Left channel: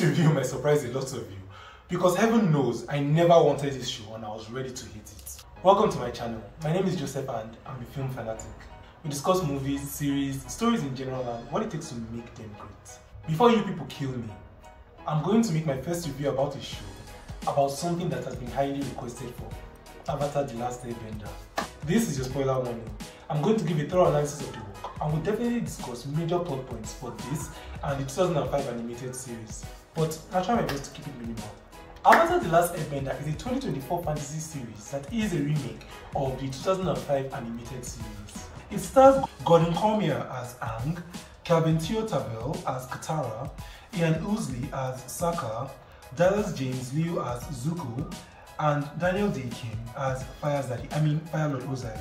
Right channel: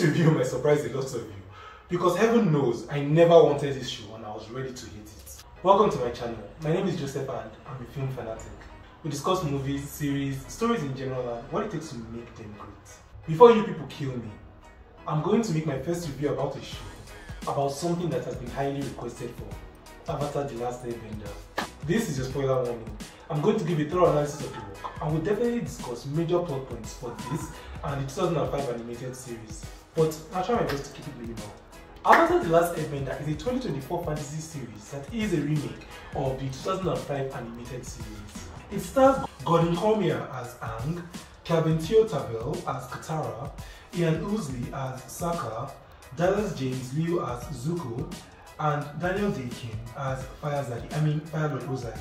This review might surprise a lot of you because heaven knows I never wanted this show and I was ready to hate it. Welcome to my channel. My name is Joseph and I'm a film fanatic. We discuss movies, series, stories in general and what it takes to make them great. Before you people kill me, I'm going to make my first review about a show, about something that has been highly requested for, Avatar: The Last Airbender. This is your spoiler warning. I'm going to give a thorough analysis of the work and we'll definitely discuss major plot points for this and the 2005 animated series, but I'll try my best to keep it minimal. Avatar: The Last Airbender is a 2024 fantasy series that is a remake of the 2005 animated series. It stars Gordon Cormier as Aang, Kelvin Theotabel as Katara, Ian Ousley as Sokka, Dallas James Liu as Zuko, and Daniel Day-Kim as Fire Lord Ozai.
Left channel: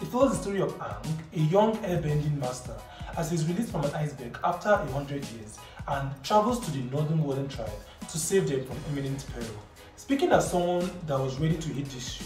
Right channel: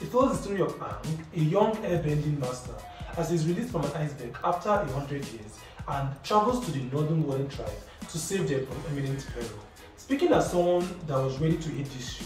It follows the story of Aang, a young airbending master, as he is released from an iceberg after 100 years and travels to the northern Warden tribe to save them from imminent peril. Speaking as someone that was ready to hate this show,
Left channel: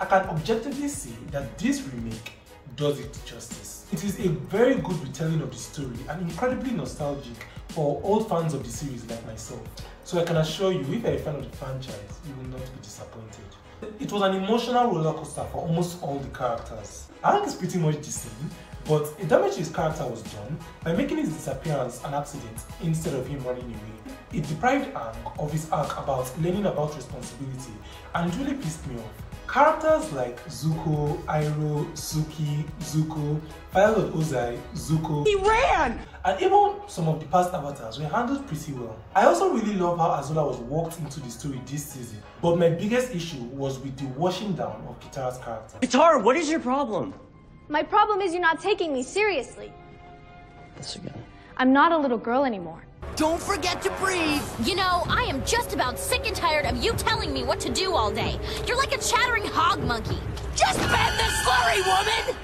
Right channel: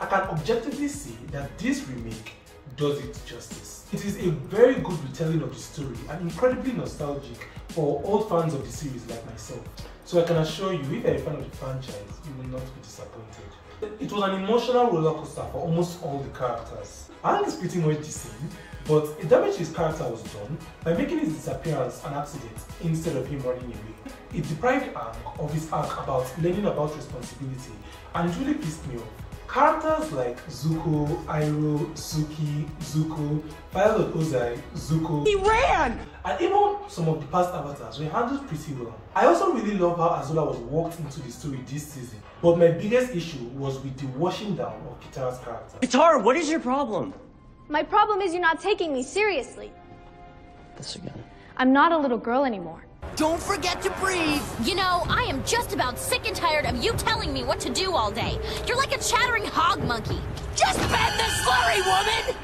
I can objectively say that this remake does it justice. It is a very good retelling of the story and incredibly nostalgic for old fans of the series like myself. So I can assure you, if you're a fan of the franchise, you will not be disappointed. It was an emotional roller coaster for almost all the characters. Aang is pretty much the same, but a damage to his character was done by making his disappearance an accident instead of him running away. It deprived Aang of his arc about learning about responsibility and it really pissed me off. Characters like Zuko, Iroh, Suki, Zuko, Fire Lord Ozai, Zuko, he ran! And even some of the past avatars were handled pretty well. I also really love how Azula was walked into the story this season, but my biggest issue was with the washing down of Kitara's character. Katara, what is your problem? My problem is you're not taking me seriously. This again. I'm not a little girl anymore. Don't forget to breathe! You know, I am just about sick and tired of you telling me what to do all day. You're like a chattering hog monkey. Just bend the slurry, woman!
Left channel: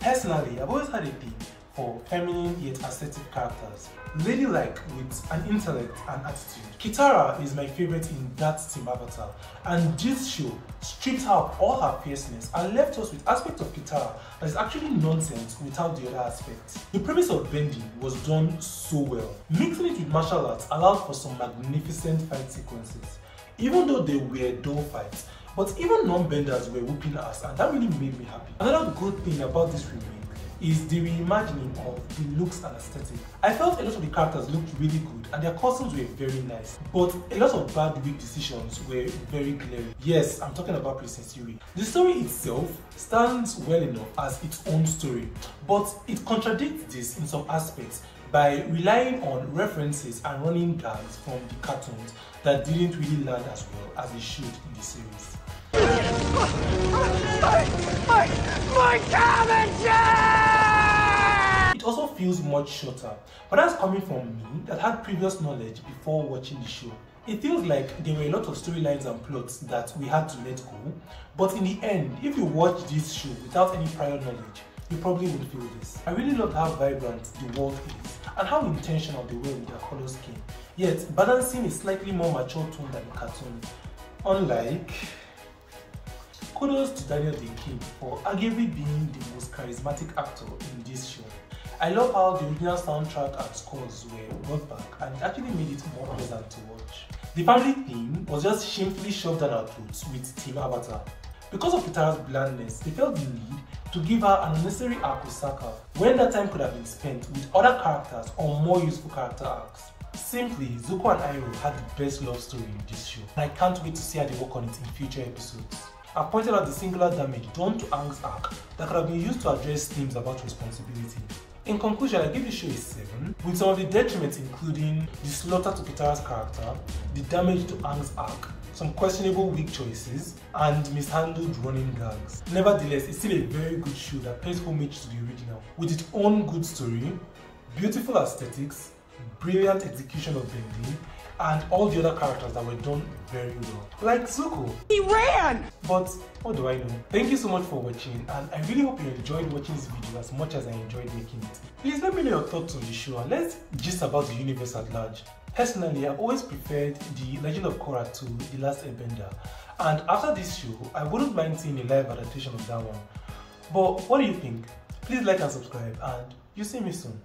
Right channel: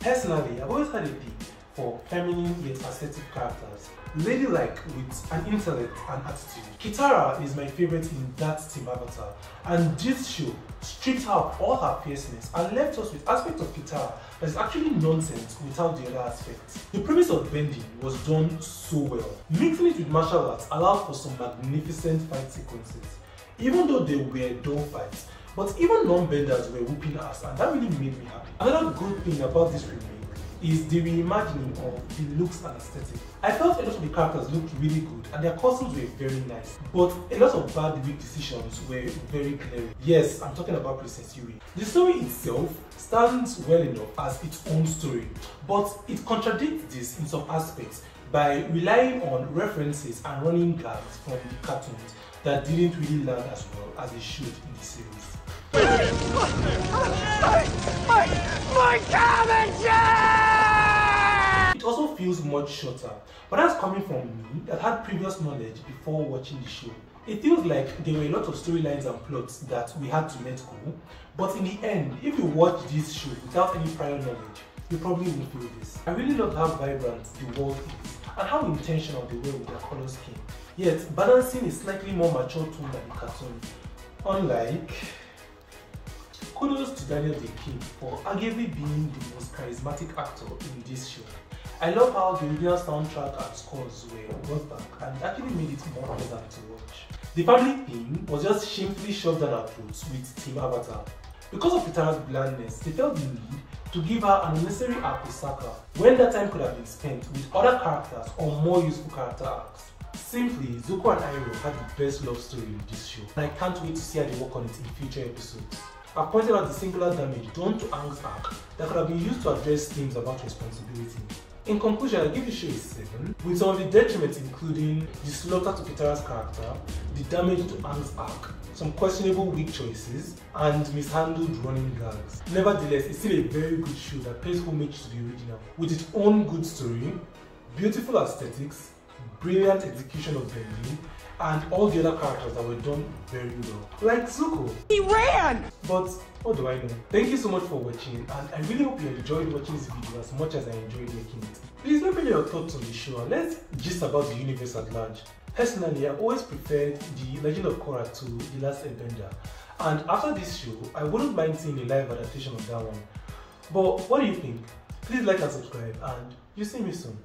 Personally, I've always had a thing for feminine yet assertive characters, ladylike with an intellect and attitude. Kitara is my favorite in that Team Avatar, and this show stripped out all her fierceness and left us with aspects of Kitara that is actually nonsense without the other aspects. The premise of bending was done so well. Mixing it with martial arts allowed for some magnificent fight sequences, even though they were dull fights. But even non-benders were whooping ass and that really made me happy. Another good thing about this remake is the reimagining of the looks and aesthetic. I felt a lot of the characters looked really good and their costumes were very nice, but a lot of bad weak decisions were very glaring. Yes, I'm talking about Princess Yuri. The story itself stands well enough as its own story, but it contradicts this in some aspects by relying on references and running gags from the cartoons that didn't really land as well as they should in the series. My cabin! It also feels much shorter, but that's coming from me that had previous knowledge before watching the show. It feels like there were a lot of storylines and plots that we had to let go, but in the end, if you watch this show without any prior knowledge, you probably won't feel this. I really love how vibrant the world is and how intentional they were with their color scheme, yet balancing a slightly more mature tone than the cartoon. Unlike, kudos to Daniel Day-Kim for arguably being the most charismatic actor in this show. I love how the original soundtrack and scores were brought back and it actually made it more pleasant to watch. The family theme was just shamefully shoved down our throats with Team Avatar. Because of Kitara's blandness, they felt the need to give her an unnecessary arc with Sokka, when that time could have been spent with other characters or more useful character arcs. Simply, Zuko and Iroh had the best love story in this show, and I can't wait to see how they work on it in future episodes. I've pointed out the singular damage done to Aang's arc that could have been used to address themes about responsibility. In conclusion, I give the show a 7, with some of the detriments including the slaughter to Kitara's character, the damage to Aang's arc, some questionable weak choices, and mishandled running gags. Nevertheless, it's still a very good show that pays homage to the original, with its own good story, beautiful aesthetics, brilliant execution of bending, and all the other characters that were done very well. Like Zuko. He ran! But what do I know? Thank you so much for watching and I really hope you enjoyed watching this video as much as I enjoyed making it. Please let me know your thoughts on the show and let's gist about the universe at large. Personally, I've always preferred the Legend of Korra to The Last Airbender, and after this show, I wouldn't mind seeing a live adaptation of that one. But what do you think? Please like and subscribe and you'll see me soon.